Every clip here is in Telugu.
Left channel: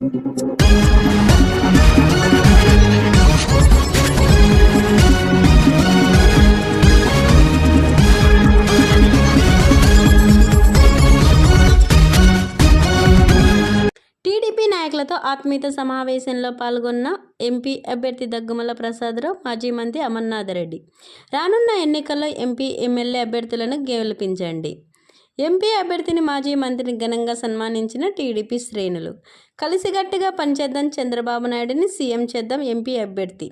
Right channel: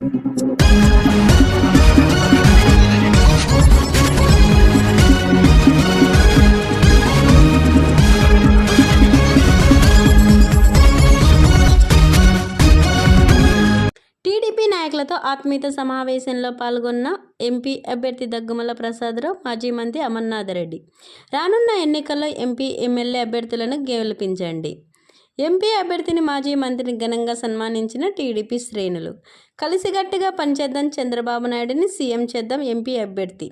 టీడీపీ నాయకులతో ఆత్మీయత సమావేశంలో పాల్గొన్న ఎంపీ అభ్యర్థి దగ్గుమల ప్రసాదరావు మాజీ మంత్రి అమర్నాథ్ రెడ్డి రానున్న ఎన్నికల్లో ఎంపీ ఎమ్మెల్యే అభ్యర్థులను గెలిపించండి. ఎంపీ అభ్యర్థిని మాజీ మంత్రిని ఘనంగా సన్మానించిన టీడీపీ శ్రేణులు. కలిసిగట్టుగా పనిచేద్దాం చంద్రబాబు నాయుడిని సీఎం చేద్దాం ఎంపీ అభ్యర్థి.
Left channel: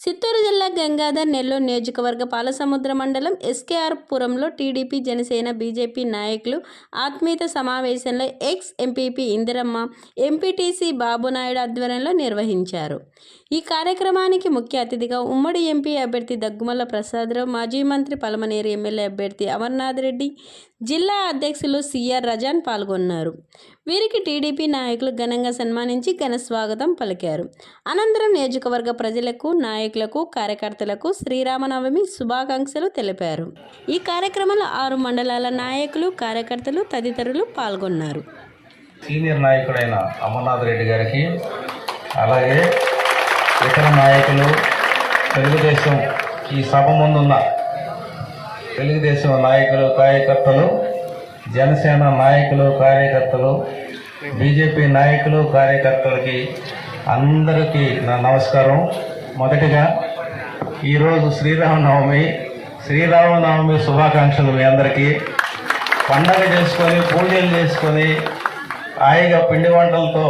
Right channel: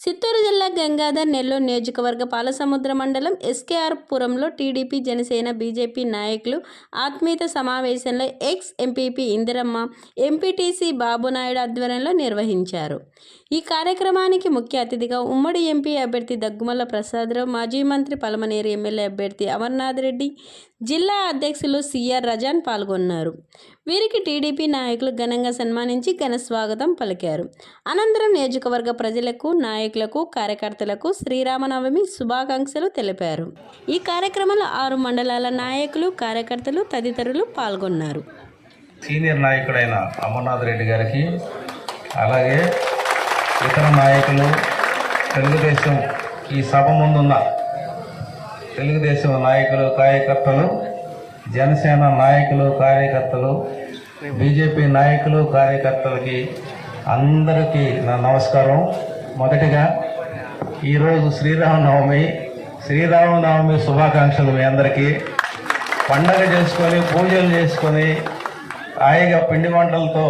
చిత్తూరు జిల్లా గంగాధర్ నెల్లూరు నియోజకవర్గ పాలసముద్ర మండలం ఎస్కేఆర్ పురంలో టీడీపీ జనసేన బీజేపీ నాయకులు ఆత్మీయత సమావేశంలో ex MPP Indiramma MPTC Babunaidu ఆధ్వర్యంలో నిర్వహించారు. ఈ కార్యక్రమానికి ముఖ్య అతిథిగా ఉమ్మడి ఎంపీ అభ్యర్థి దగ్గుమల్ల ప్రసాదరావు మాజీ మంత్రి పలమనేరు ఎమ్మెల్యే అభ్యర్థి అమర్నాథ్ రెడ్డి జిల్లా అధ్యక్షులు సిఆర్ రజాన్ పాల్గొన్నారు. వీరికి టీడీపీ నాయకులు ఘనంగా సన్మానించి ఘన స్వాగతం పలికారు. అనంతరం నియోజకవర్గ ప్రజలకు నాయకులకు కార్యకర్తలకు శ్రీరామనవమి శుభాకాంక్షలు తెలిపారు. ఈ కార్యక్రమంలో ఆరు మండలాల నాయకులు కార్యకర్తలు తదితరులు పాల్గొన్నారు. సీనియర్ నాయకుడైన అమర్నాథ్ రెడ్డి గారికి అలాగే ఇతర నాయకులు తెలుగుదేశం ఈ సభ ముందున్న తెలుగుదేశం నాయకులు కార్యకర్తలు జనసేన నాయకులు కార్యకర్తలు బీజేపీ నాయకులు కార్యకర్తలకి అందరికీ నా నమస్కారం. మొదటిగా ఈరోజు శ్రీరామనవమి శ్రీరామనవమి శుభాకాంక్షలు మీ అందరికీ. పండగ చేసుకొని పూజలు చేసుకొని హాయిగా పిండి వంటలతో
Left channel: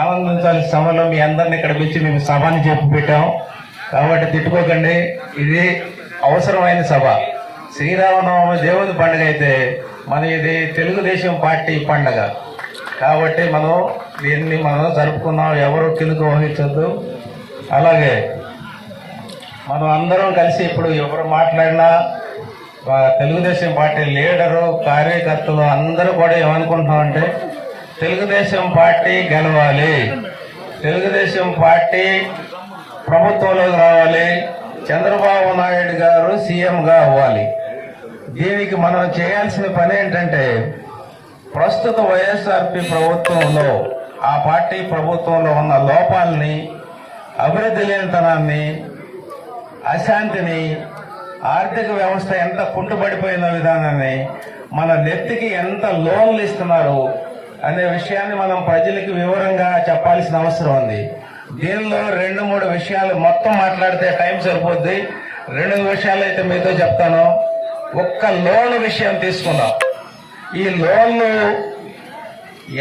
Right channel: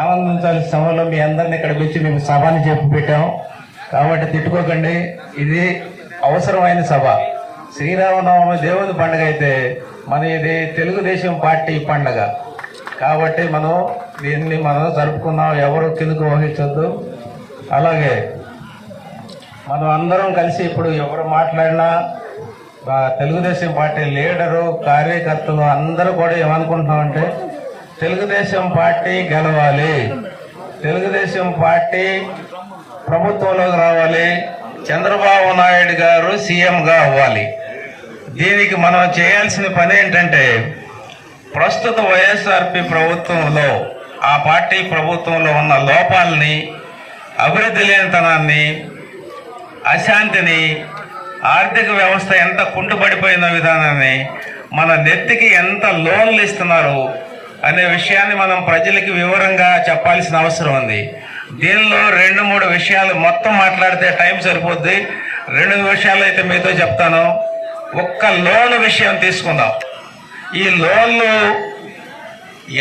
ఆనందించాల్సిన సమయంలో మీ అందరిని ఇక్కడ పిలిచి మేము సభని చెప్పి పెట్టాం. కాబట్టి తిట్టుకోకండి ఇది అవసరమైన సభ. శ్రీరామనవమి దేవుని పండుగ అయితే మన ఇది తెలుగుదేశం పార్టీ పండగ. కాబట్టి మనం దీన్ని మనం జరుపుకున్నాం. ఎవరు కిందకు వహించొద్దు. అలాగే మనం అందరం కలిసి ఇప్పుడు ఎవరు మాట్లాడినా తెలుగుదేశం పార్టీ లీడరు కార్యకర్తలు అందరూ కూడా ఏమనుకుంటున్నామంటే తెలుగుదేశం పార్టీ గెలవాలి. తెలుగుదేశం పార్టీ ప్రభుత్వంలోకి రావాలి. చంద్రబాబు నాయుడు గారు సీఎంగా అవ్వాలి. దీనికి మనం చేయాల్సిన పని ఏంటంటే ప్రస్తుత వైఎస్ఆర్పి ప్రభుత్వంలో ఆ పార్టీ ప్రభుత్వంలో ఉన్న లోపాలని అభివృద్ధి లేనితనాన్ని అశాంతిని ఆర్థిక వ్యవస్థ ఎంత కుంటుపడిపోయిన విధానాన్ని మన నెత్తికి ఎంత లోన్లు ఇస్తున్నారు అనే విషయాన్ని మనం ప్రజలకి వివరంగా చెప్పాల్సిన అవసరం ఉంది. దీనిలో రెండు మూడు విషయాలు మొత్తం మాట్లాడితే టైం సరిపోద్ది. రెండు విషయాలు అయితే మీతో చెప్తాను. ఒక్క లోన్ విషయం తీసుకుందాం. ఈ లోన్లు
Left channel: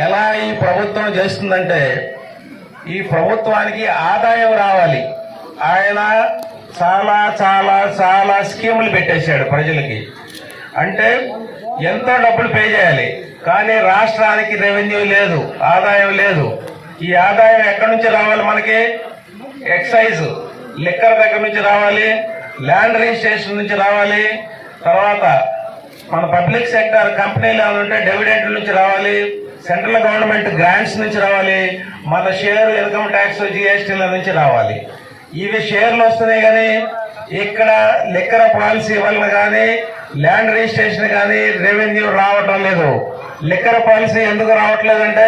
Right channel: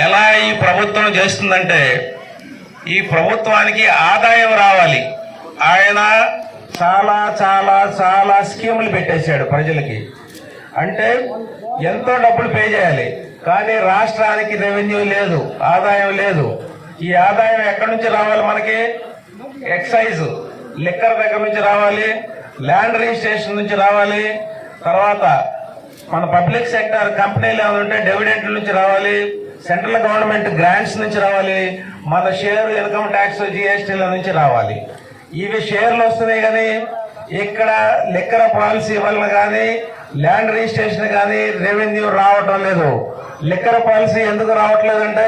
ఎలా ఈ ప్రభుత్వం చేస్తుందంటే ఈ ప్రభుత్వానికి ఆదాయం రావాలి. ఆయన చాలా చాలా చాలా స్కీములు పెట్టేశాడు ప్రజలకి. అంటే ఎంతో డబ్బులు పే చేయాలి. కానీ రాష్ట్రానికి రెవెన్యూ లేదు ఆదాయం లేదు. ఈ ఆదాయం ఎక్కడి నుంచి రావాలి మనకి? ఎక్సైజ్ లిక్కర్ దగ్గర నుంచి రావాలి ల్యాండ్ రిజిస్ట్రేషన్ నుంచి రావాలి తర్వాత మన పబ్లిక్ సెక్టర్ కంపెనీలు ఏమైనా ఉంటే డెవిడెంట్ నుంచి రావాలి. సెంట్రల్ గవర్నమెంట్ గ్రాంట్స్ నుంచి రావాలి మన షేర్ ఇన్కమ్ ట్యాక్స్ జిఎస్టీల నుంచి రావాలి. ఇవి షేర్లు వస్తున్నాయి కానీ ఇక్కడ లిక్కర పాలసీ వల్ల కానీ ల్యాండ్ రిజిస్ట్రేషన్ కానీ రెవెన్యూ రావటం లేదు. లిక్కర్ పాలసీ ఎందుకు రావట్లేదంటే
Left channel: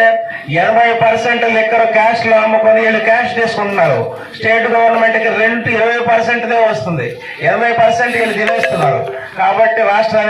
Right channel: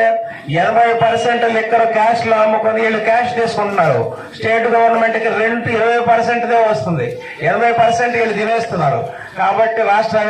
ఎనభై పర్సెంట్ లిక్కర్ క్యాష్లో అమ్ముకొని వీళ్ళు క్యాష్ తీసుకుంటున్నారు. స్టేట్ గవర్నమెంట్కి రెంట్ ఇరవై పర్సెంట్ వస్తుంది. ఎనభై పర్సెంట్ వీళ్ళు తినేస్తున్నారు. కాబట్టి రాష్ట్రానికి